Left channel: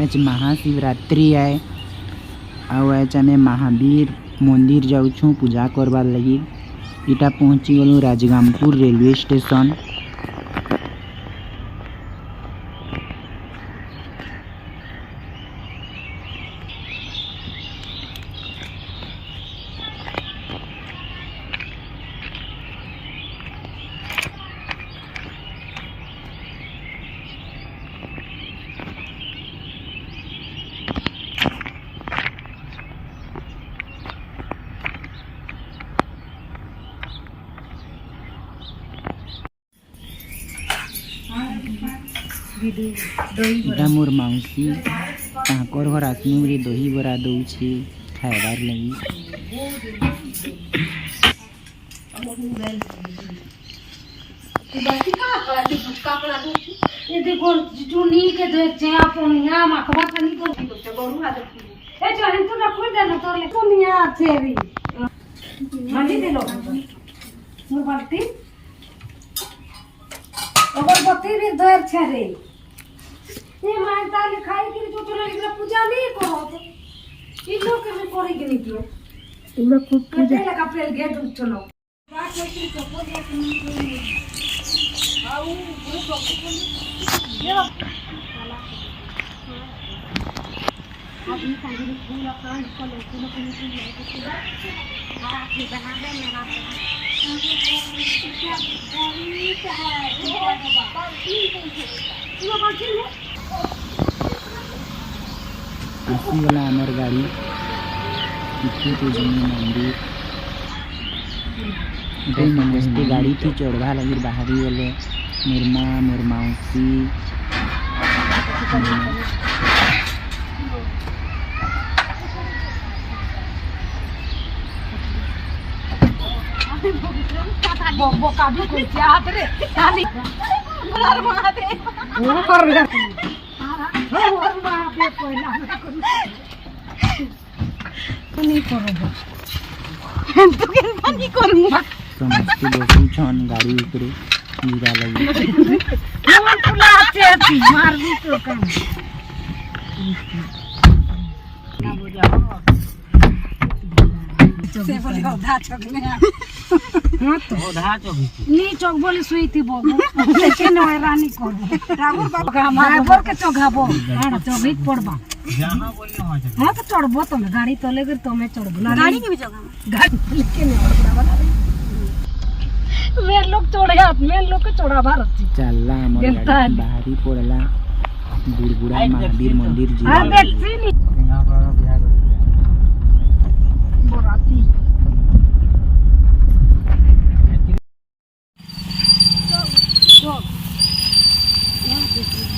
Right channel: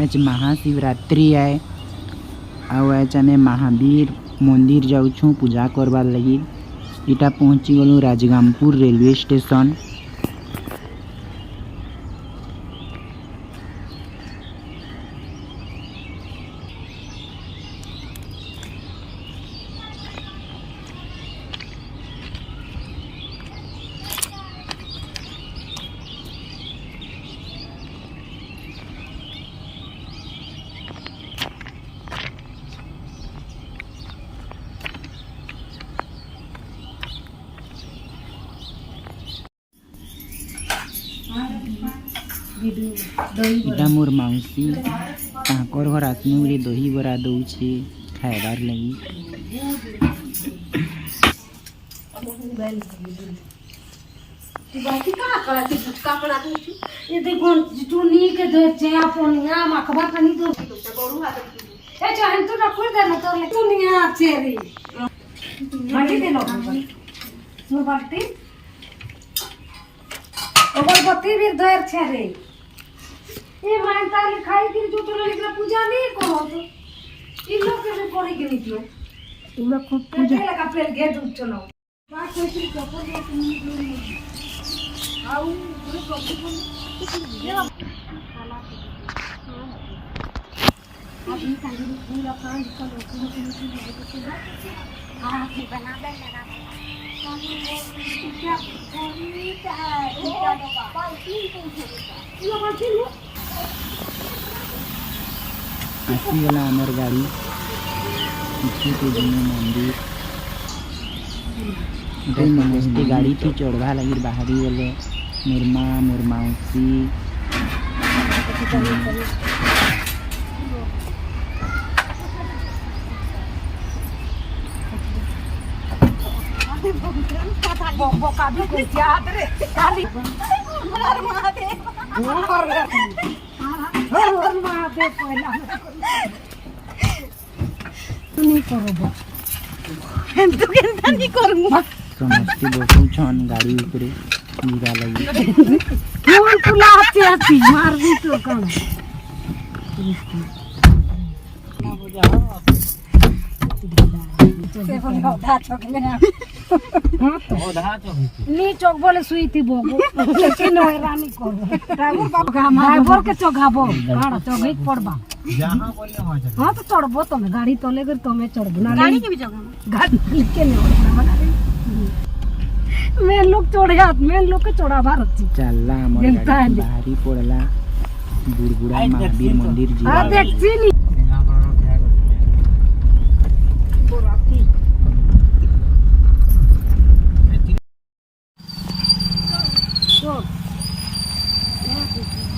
आज महाशिवरात्रि है आज आम महावीर मंदिर जाऊँ पूजा करवार लगी। इटा पहुँची गलु राजगामपुर रेलवे स्टेशन। इटा मोर मौसी ताकर घर आसनु रे दही बरा दौछे खाइबार लगी। ये देखो चुनी के दे चया पोनिया मखबा कनी तो बड़ू हाथ ए जहन तो रखो देना तो चुनिया चेरी माटी दे लो मु बाल्टी और बत्ती भी दर छरे ये मानता लिखाई कि जो तो लिखना पूजा नहीं करो तो इन लोग के भी पड़ी के नहीं क्यों इन लोग खूब पूजा लगा पेड़ गेट उठलो बात है कि चप्पल नहीं आओ अभी तक पूरा काम बना दे मेरा आसीगला आमर गाड़ी पीछे के जिम्मे मंदिर नमस्ते गाड़ी थी चढ़वा लगी बाहरी गले मोर माँ मोर मौसी बोका भी कोई याद रे खाली हर महादेव वो कर रे हर महादेव कोई ना नहीं करो तो केनता नहीं करूंगा समस्ती बसु छन गाड़ी ऊपरे हीरा लगी कौन तुला आते मार दी तो काम से बोले ओधा चौक में हां तो ओधा चौक नहीं चौक बोले सुई थी बोबो लेकिन ओए रानी करो राघव बाबा हमारे बोल के चौघाबो हां चौघित पड़बा जहां बोलले हो जाए हां तो चढ़बो तुम गाड़ी तो लेकर तुम्हें चढ़बो ना गाड़ी के भी चौघा गाड़ी लेके नहीं और बड़ा बना रही मैं लोग चढ़े हाथ में लोग के चढ़ा भारत चलला हमर गाड़ी बाहरी पड़ला बुड़बुड़ा महावीर मंदिर जी हां देखसी नहीं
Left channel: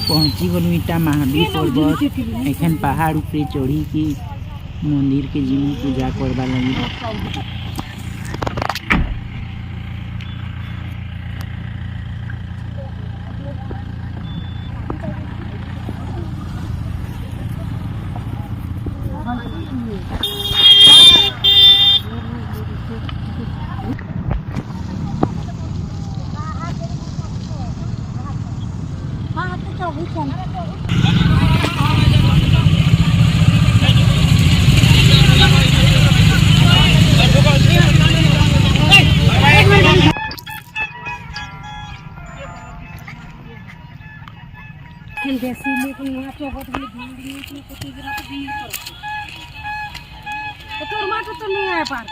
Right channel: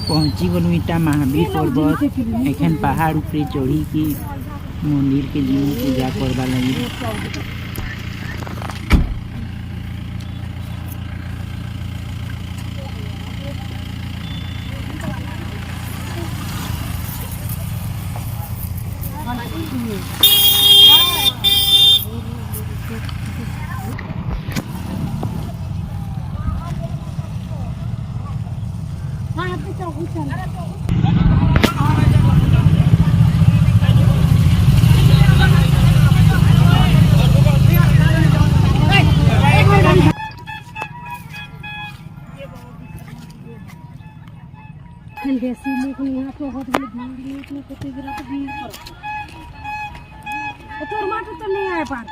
पहुँची गलु इटा महावीर पर्वत एखन पहाड़ ऊपरे चढ़ी की मंदिर के जिमु पूजा करवा लगी। देसी लेकिन यहाँ चौकट वाली भीड़ इतनी कुत्ते गिरा तो भीड़ पड़ती है तो टमाटर तो नहीं आए पार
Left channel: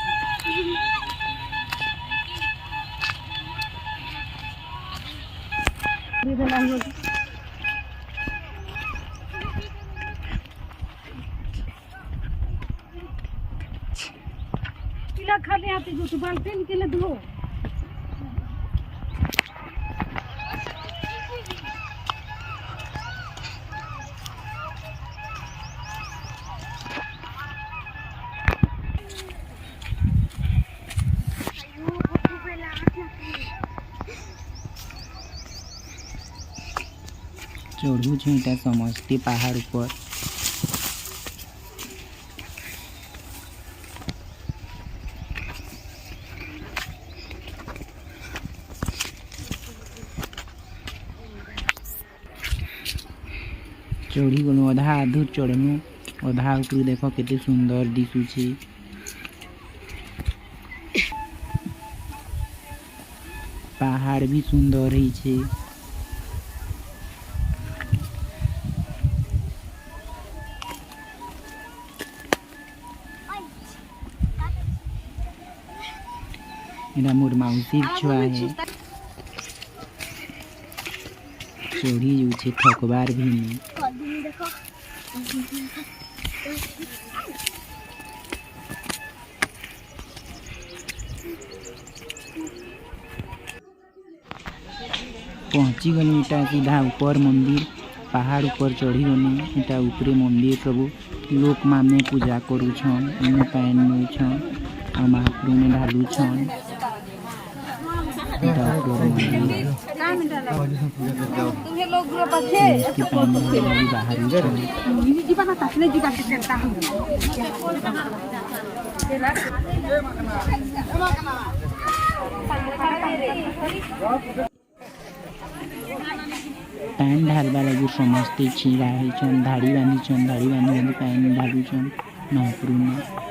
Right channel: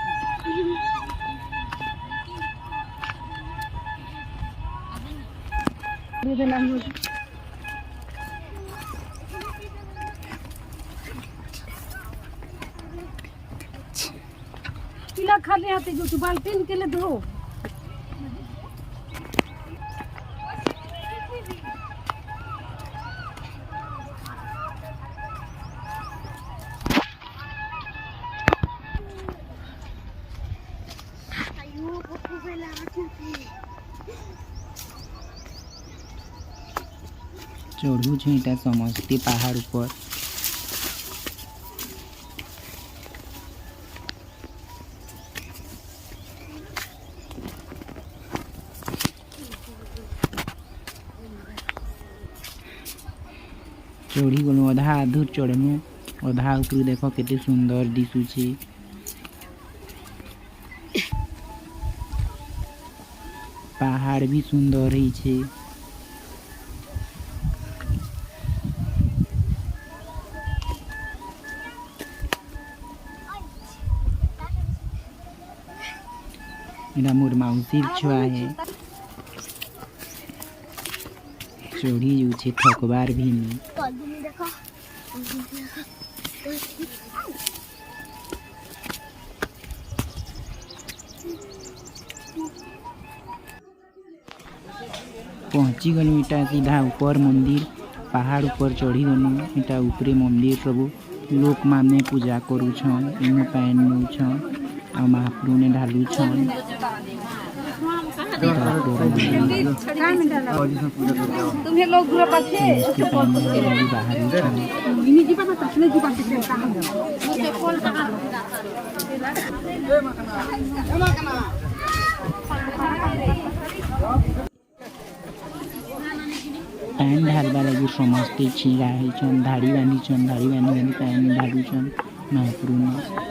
पिला खाने आते जो बाल्टी निकले दो चढ़ू छे इटा समस्ती पहाड़ ऊपर चढ़ी गलु अधा अधूर चढ़नु अधा ऊपर देख केते सुंदर दिसुची पहाड़ भी सुंदर ही छे एटा मोर माउसीर छुआ है चढ़ी जाऊे थकबार भी नहीं पहुँची गलु इटा सीधा ऊपर मंदिर पहाड़ ऊपर चढ़ी गलु इटा ऊपरे मंदिर सब लोक माने पूजा करूछन इने पैन नउछन आ महाप्रभु ने ढालुछन इटा ऊपर मंदिर तुम्हें लोग ग्रुप আছে इसके पैन ढालु बाहर उछन इनी जीवा ना तसने जीवा से चलता हूं पैन ढालवा लगी समस्ते छिड़ा होइछन धाड़ी बांधिछन धाड़ी बांधि बांधि पैन ढालुछन महाप्रभु ने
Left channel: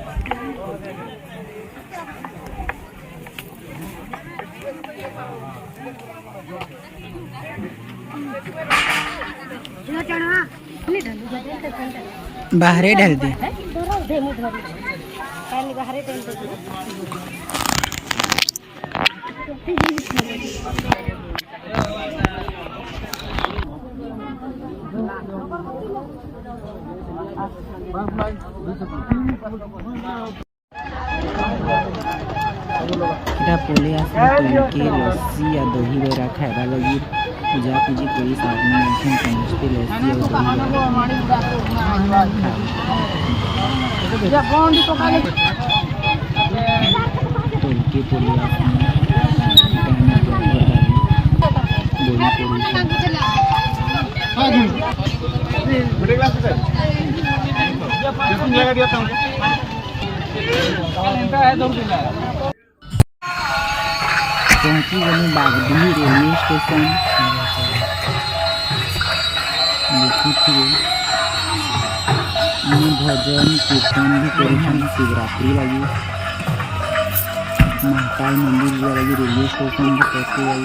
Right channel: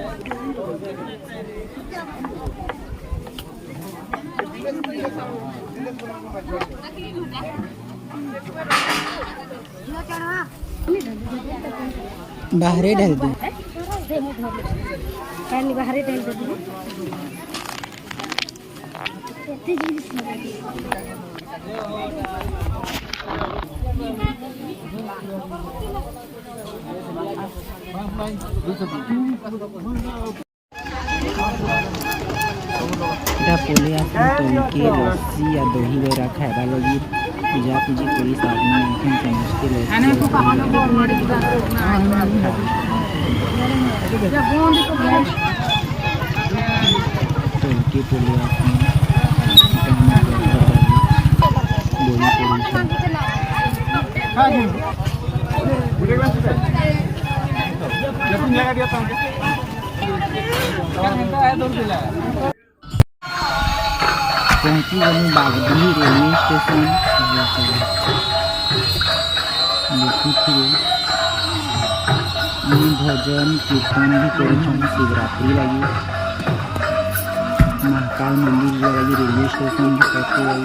बाहरे ढाल दे पोले तोलके लस्सी या दही बरा खाइबा लगी पूजा पूजी करी साधन में समस्ते लस्सी तोलके पोले पहुँची गलु बागडीह रेलवे स्टेशन भजन कीर्तन भी करुछन शिवरात्रि लगी महाकाल मंदिर लगी रेलवे स्टेशन भी पहुँची गई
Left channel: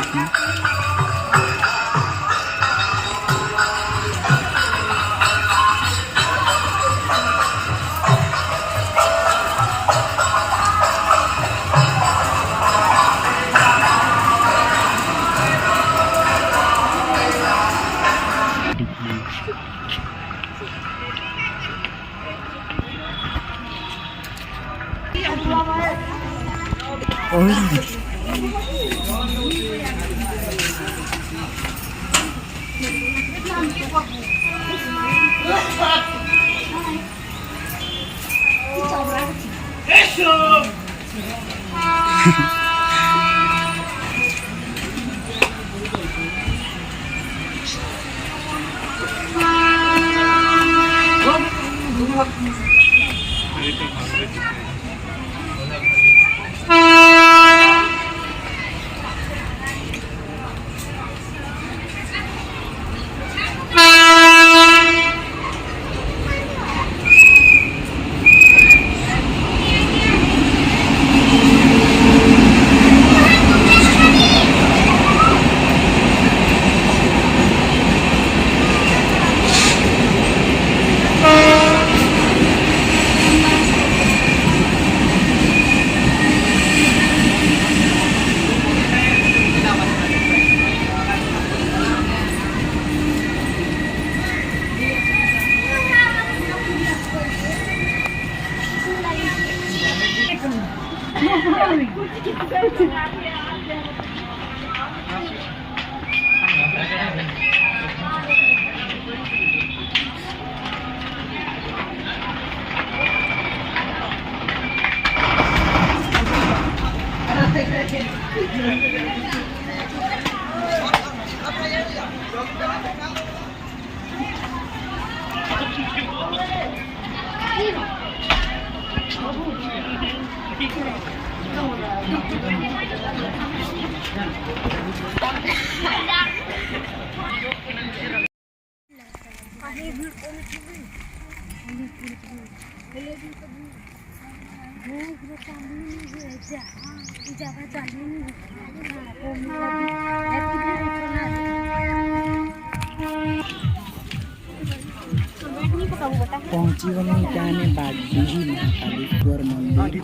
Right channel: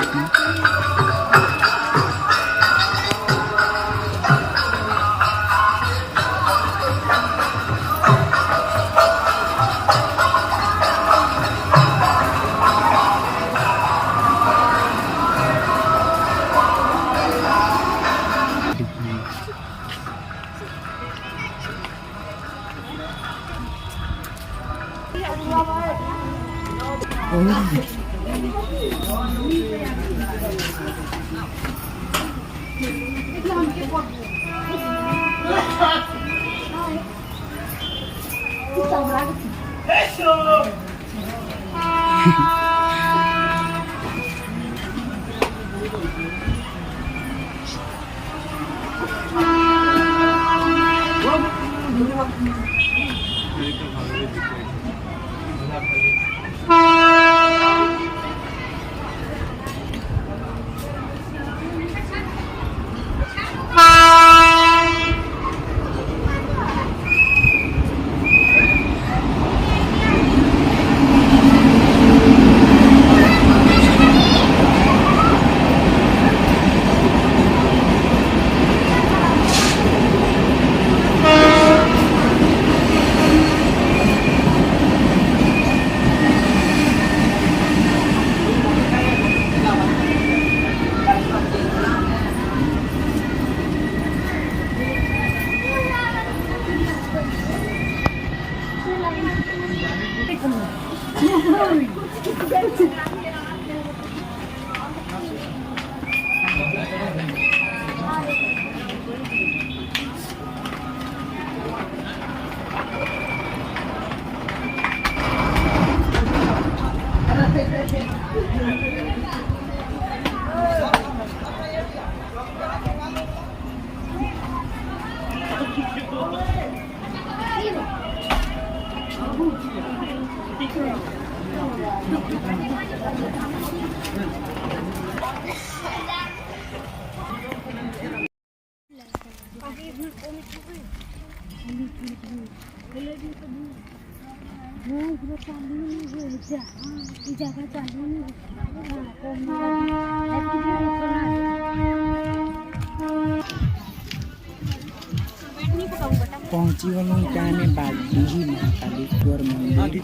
पहुँची गलु इटा आमे बागडीही महाकालेश्वर मंदिर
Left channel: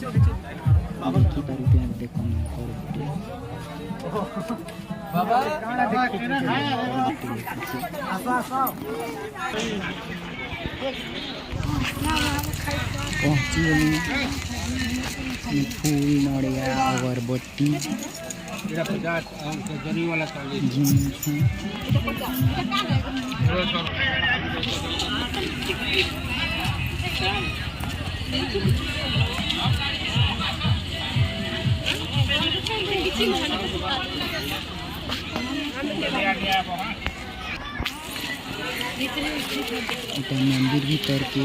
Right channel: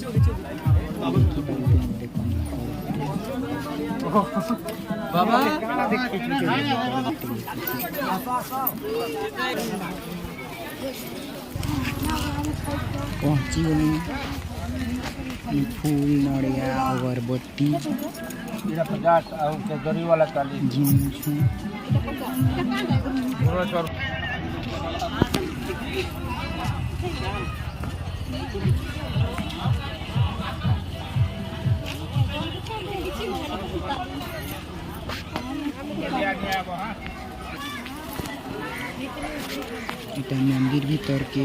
देखि पारुते आप देखो पहुँची गलु फूल नड़िया अगरबत्ती जिनछु इटा मंदिर भीतर के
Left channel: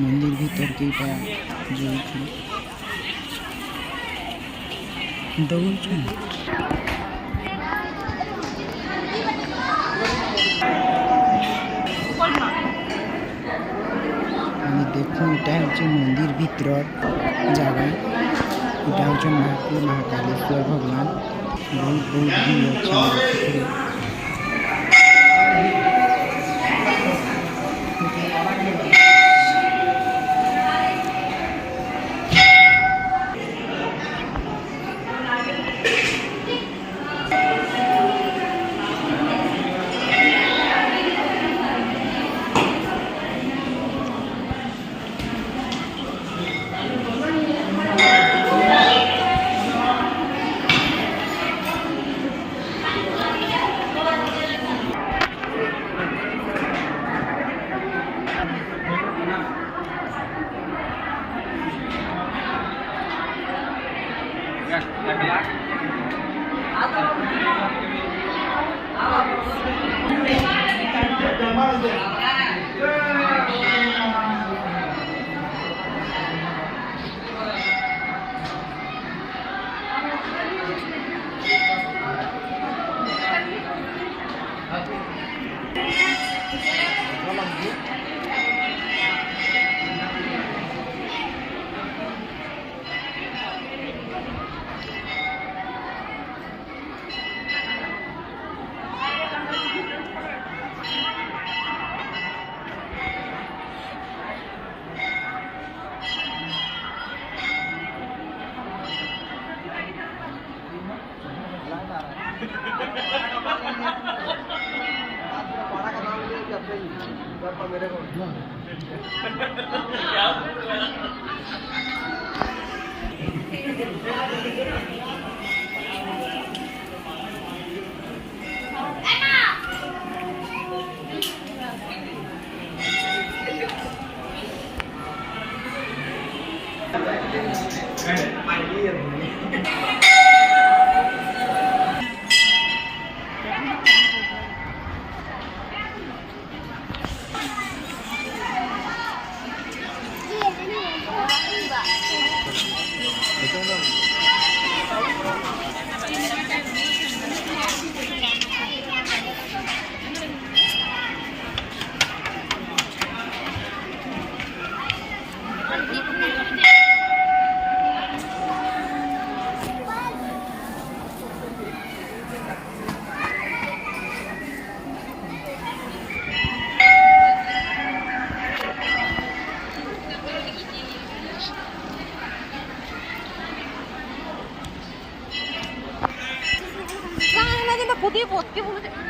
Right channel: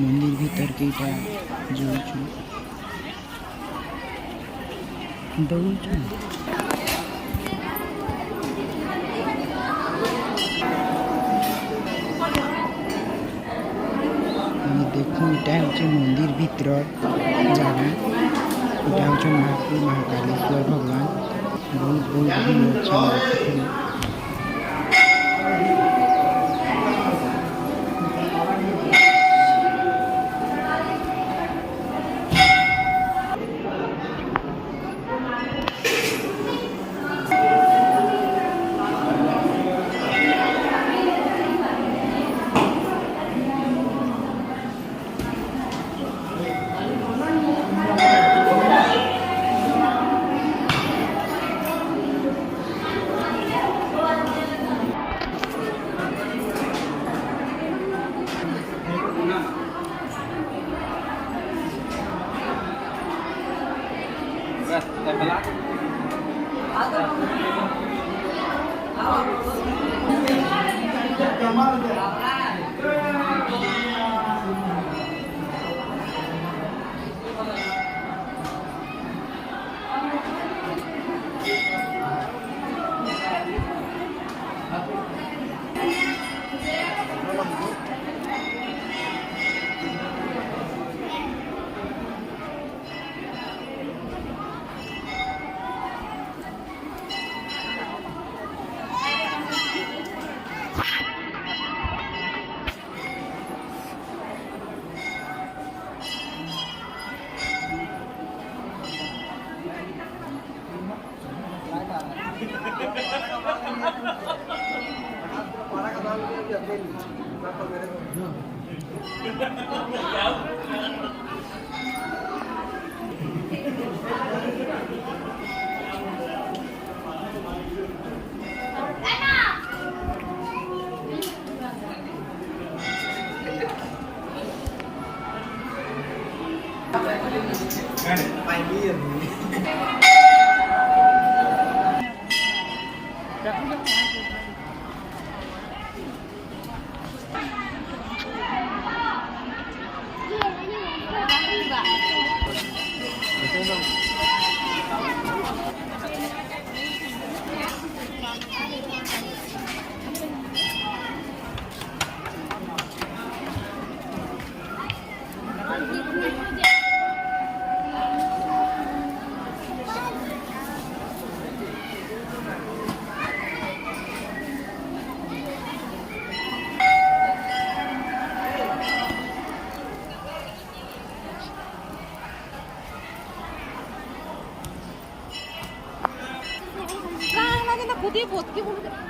मंदिर भीतर के इटा जो दौड़ देखो इटा हूँ मंदिर भीतर जगह इटा हूँ महाकालेश्वर भगवान बहुत बहुत भी अच्छा देखते खुद ही पोत के बोले